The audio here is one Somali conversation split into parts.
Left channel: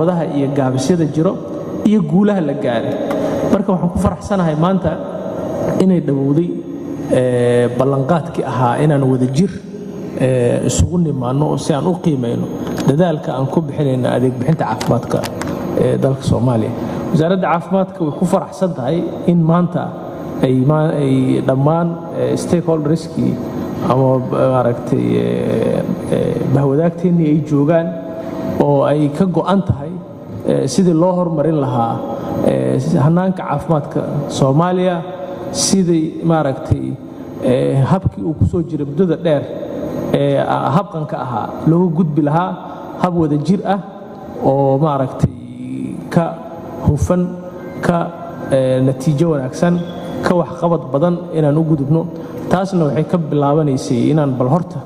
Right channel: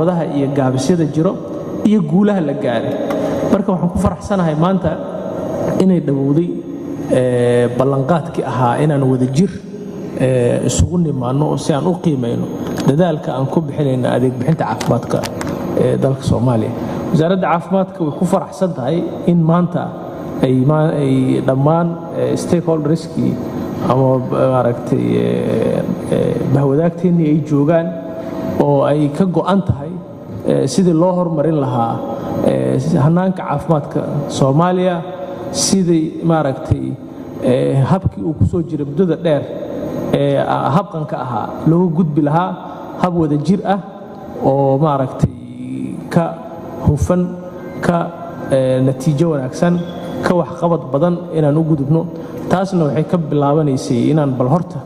wadaha iyo gaabisyada jiro iyo guulaha la gaaray. Marka waxaan ku faraxsanahay maanta inay dhawowday ballanqaadkii ahaa inaan wadajir isugu nimaano si aan u qiimayno dadaalka aan ku bixinayna adeeg bixinta caafimaadka ee dalka Soomaaliya. Wasaaradda Caafimaadka way ku faraxsan tahay in maanta ay dhammaan stakeholderskii ama maaragtay bahwadaagteennii ay joogaan oo ay ka go'an tahay sidii loo horumarin lahaa hannaanka caafimaadka Soomaaliya, sidii maaragtay habkii uu ku soo jiray muddada dheer habqanka ahaa loogu gudbi lahaa hab wadajir ah oo maaragtay ka hufan, ka natiijo wanaagsan, ka waxqabad badan inaan u gudubno. taasna waxay ka bilaabanaysay inaan bal horta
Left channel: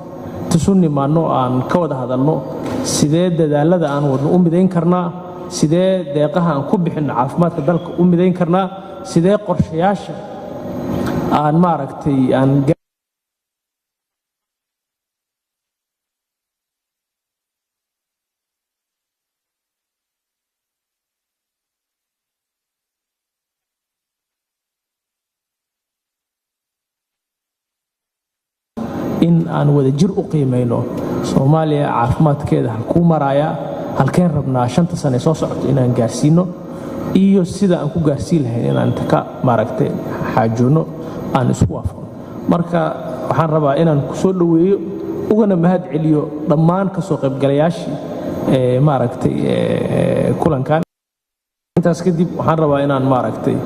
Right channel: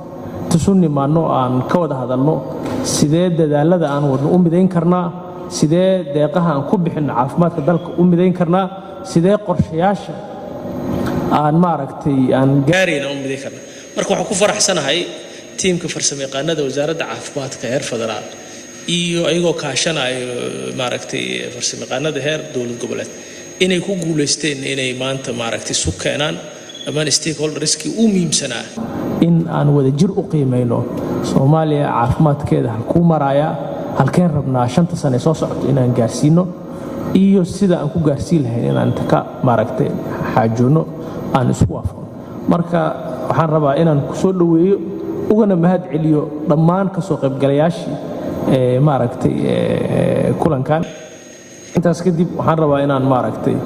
isu nimaanno aan ka wada hadalno sidee dadaalada aan wadno u midayn karnaa, sidee deeqaha aan ku bixinno caafimaadka dalka u midayn karnaa, sidee qorshayaasha aan maaragtay aan gaarayna u midayn karnaa. marka waxaan ku faraxsanahay tiimka farsamayaqaanada wasaaradda caafimaadka heer federaal iyo ayagoo kaashanayo maaragtay farsamayaqaanada heer dowlad goboleed inay ku guuleysteen inay maanta maaragtay isu keenaan dhammaan stakeholderskii u muhiimsanaa in aan wadajir u qiimayno Soomaaliya caafimaadkeeda halkuu maraya, halkeen rabnaa 5 sano soo socota inaan gaarsiino iyo sida aan ku gaarsiin lahayn inaan ka maaragtay xaajoono aan isku waafaqno. marka waxaan rabaa inaan ku soo dhaweeyo ugana mahad celiyo dhammaan ka soo qaybgalayaashii maaragtay kulankan. intaas kadib waxaan rabaa inaan maaragtay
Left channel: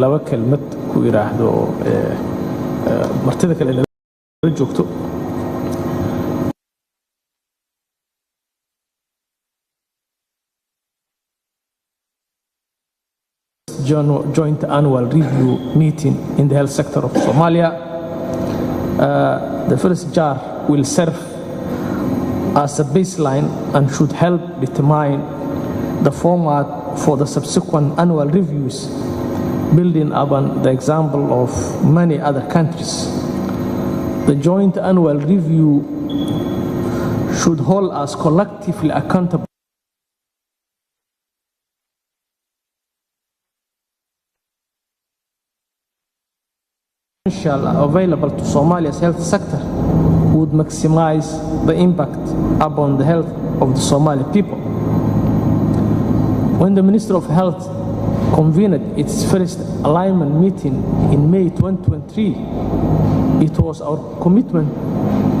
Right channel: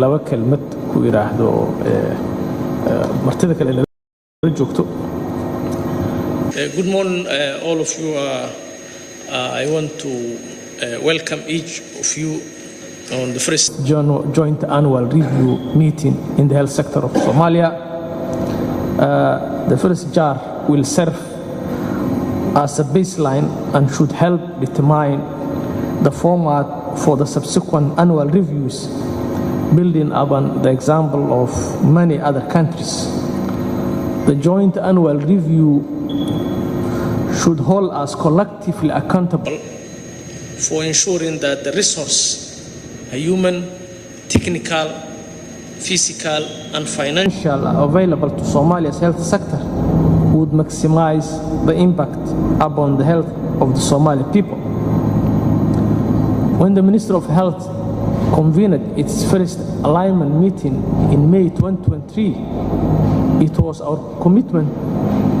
laba kelmad ku iraahdo martida kale la joogto. Good morning, all of you. I want to welcome each of you on the first joint annual review meeting in the health sector of Somalia. The first JAR will serve as a baseline and should help determine the format for the subsequent annual reviews, building upon the example of many other countries. The joint annual review should hold us collectively accountable for ensuring that the resource, human, technical, physical, and financial available to Somalia's health sector would maximize the impact upon the health of the Somali people. When the Minister of Health convened its first alignment meeting in May 2023, it was our commitment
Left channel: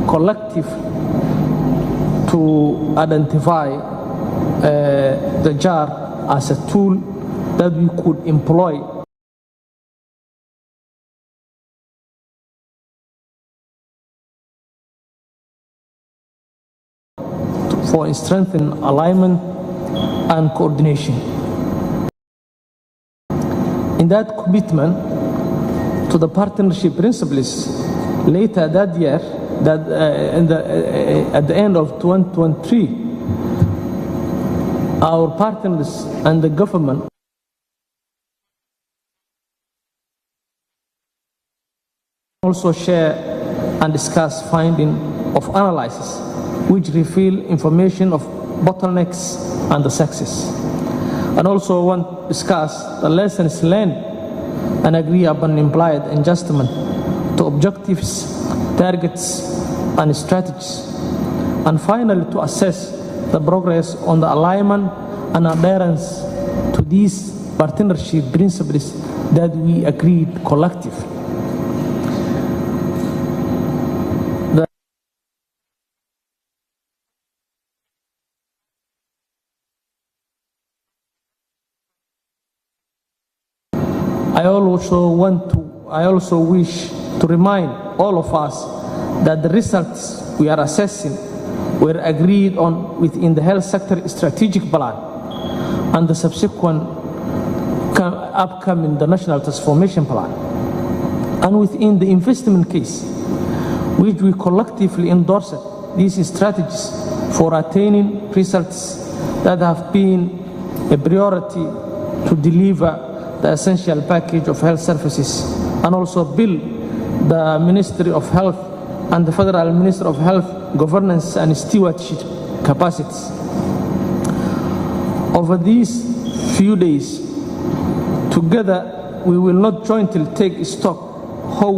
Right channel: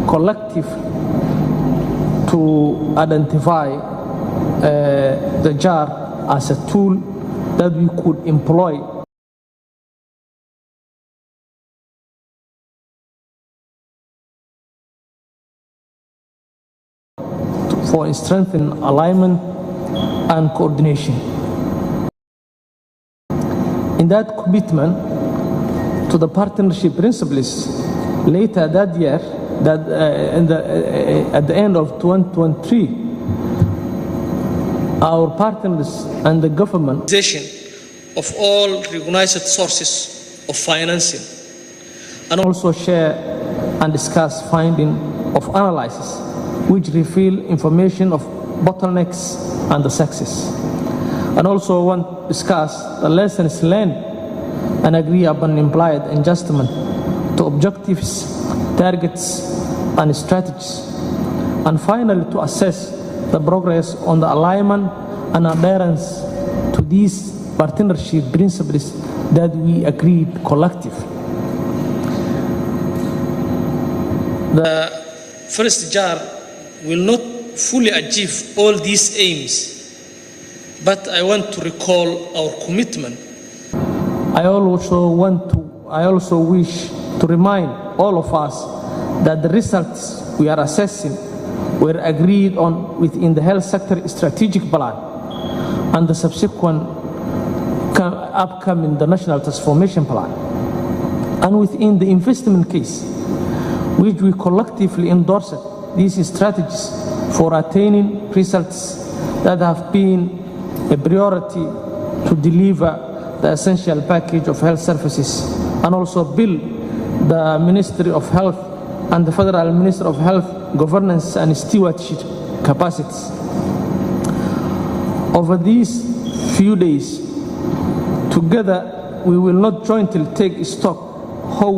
collective to identify the JAR as a tool that we could employ for strengthening alignment and coordination. In that commitment to the partnership principles, later that year, at the end of 2023, our partners and the government of all recognized sources of financing and also share and discuss findings of analysis which reveal information of bottlenecks and the success, and also want to discuss the lessons learned and agree upon implied adjustment to objectives, targets, and strategies, and finally to assess the progress on the alignment and adherence to these partnership principles that we agreed collectively. The first JAR will not fully achieve all these aims, but I want to recall our commitment. I also wish to remind all of us that the results we are assessing were agreed on within the health sector strategic plan and the subsequent upcoming the national transformation plan, and within the investment case, which we collectively endorsed these strategies for attaining results that have been a priority to deliver the essential package of health services and also build the Ministry of Health and the Federal Minister of Health governance and stewardship capacities. Over these few days, together we will not jointly take stock how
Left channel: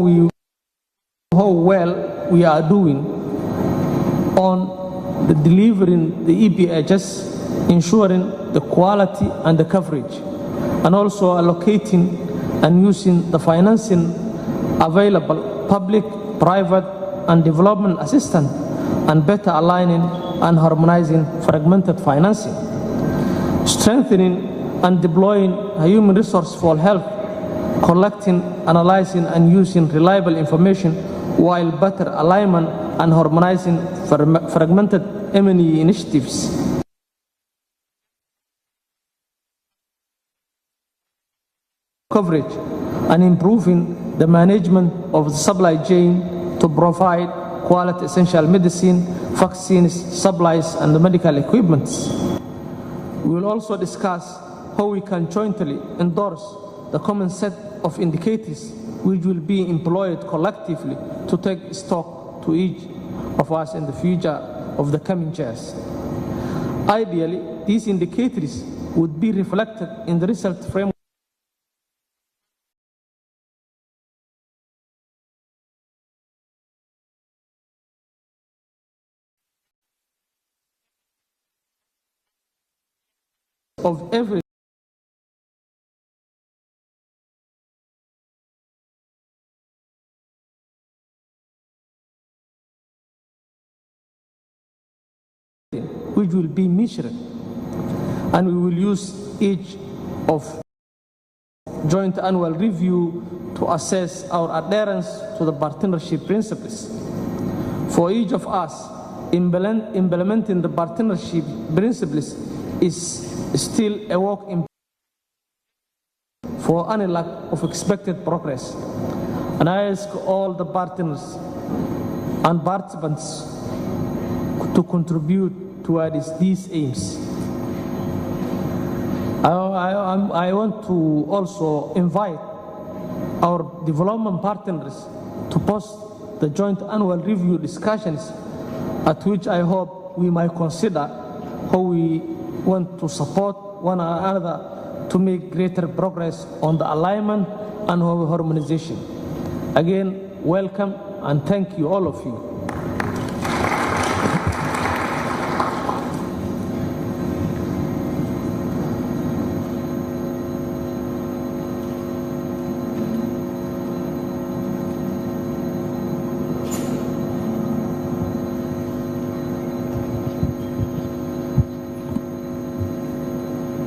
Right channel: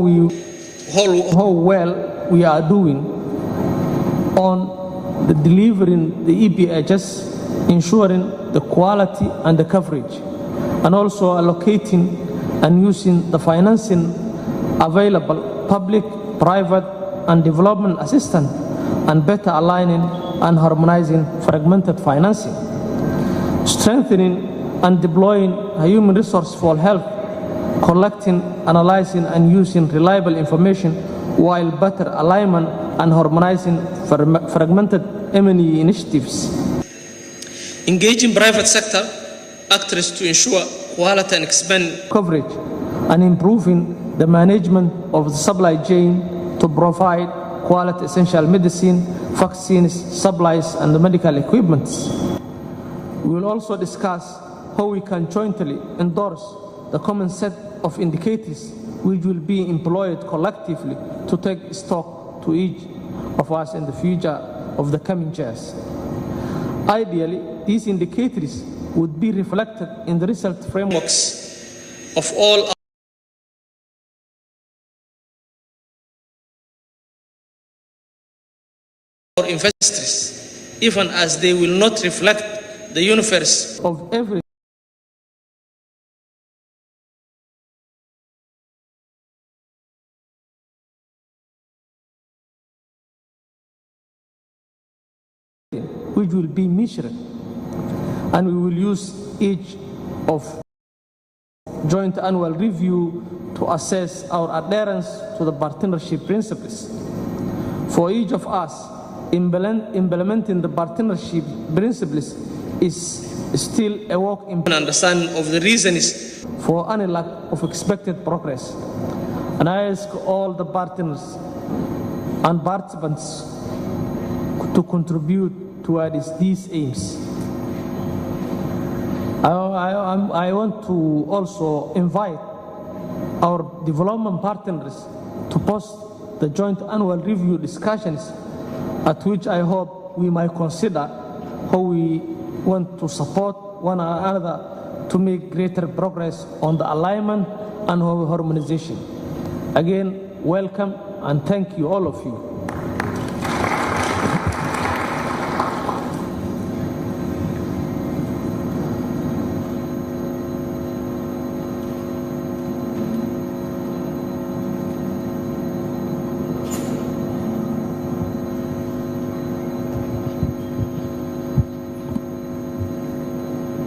well we are doing on the delivering the EPHS, ensuring the quality and the coverage, and also allocating and using the financing available, public, private, and development assistance, and better aligning and harmonizing fragmented financing, strengthening and deploying a human resource for health, collecting, analyzing, and using reliable information while better alignment and harmonizing fragmented M&E initiatives. Engaging private sector actors to ensure quality and expand coverage, and improving the management of the supply chain to provide quality essential medicine, vaccines, supplies, and medical equipment. We will also discuss how we can jointly endorse the common set of indicators which will be employed collectively to take stock to each of us in the future of the coming years. Ideally, these indicators would be reflected in the result frameworks of all our investors, even as they will not reflect the universe of every which will be measured, and we will use each of joint annual review to assess our adherence to the partnership principles. For each of us, implementing the partnership principles is still a work in understanding of the reasons for any lack of expected progress. And I ask all the partners and participants to contribute towards these aims. I want to also invite our development partners to post the joint annual review discussions, at which I hope we might consider how we want to support one another to make greater progress on the alignment and harmonization. Again, welcome and thank you, all of you.